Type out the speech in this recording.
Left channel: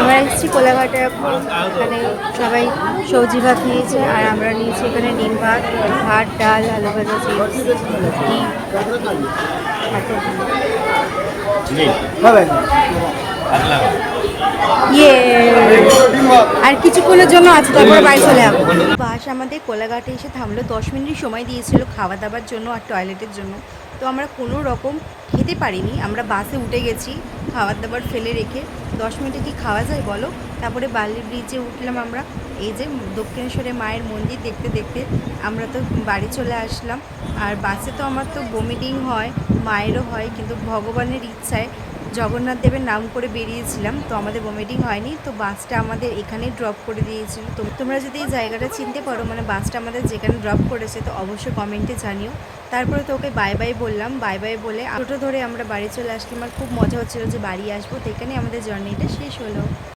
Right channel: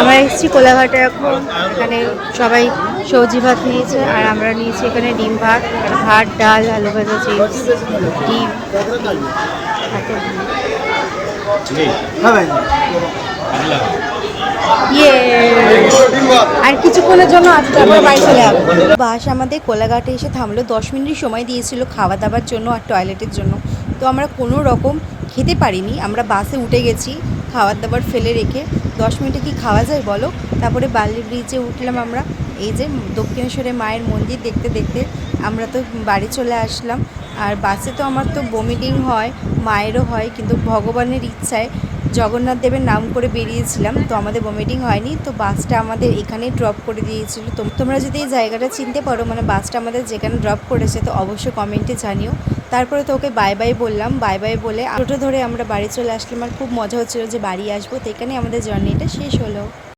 আমরা এসেছি কোলাঘাটে এখন। এখানে সবাই সবজি ভাত নিয়েছে আর আমরা নিয়েছি এখানে ডিম ভাত, ভাত, ডাল, আলু ভাজা, চিপস, ডিম, এত ইয়ে আর কিছুক্ষণের জন্য আছে, তারপর বাড়ি চলে যাবো। বাস আমাদের কোলাঘাটে এসে থামলো, 10 মিনিট সময় দিয়েছিল খাওয়া দাওয়ার জন্য আর টয়লেটের জন্য। তো আমরা কোনো রকম খেতে পারিনি, আমরা বাসে উঠে গেছি খাবার দাবার ফেলে রেখে। 10 মিনিটে কি খাওয়া যায় বলো? তারপরে বালি ব্রিজে উঠলাম আমরা, এই যে দক্ষিণেশ্বরে মায়ের মন্দির দেখতে দেখতে আমরা তো বাড়ি চলে আসলাম। আর বাসে তো আমার তো বমিটিং হয়, মায়েরও হয়, কিন্তু ভগবানের ইচ্ছায় জগন্নাথ দেবের নাম করে বেরিয়েছিলাম, তো আমাদের ভমিটিং হয়নি। তো বাসটা আমাদের এখানেই ড্রপ করে দিয়েছিল। তোমরা যদি এই জায়গাটা চিনতে পারো, মানে বাসটা আমাদের যেখানে ড্রপ করেছে, তো অবশ্যই কমেন্টে জানিও। তারপরে তো ওকে বাই বাই বললাম, বাই বাই বলে টোটো ধরে আমরা বাড়ি চলে আসলাম। আর খুব মজা হচ্ছিলো যে বাড়ি আসবো। তো এখানে আমাদের জার্নিটা শেষ হলো।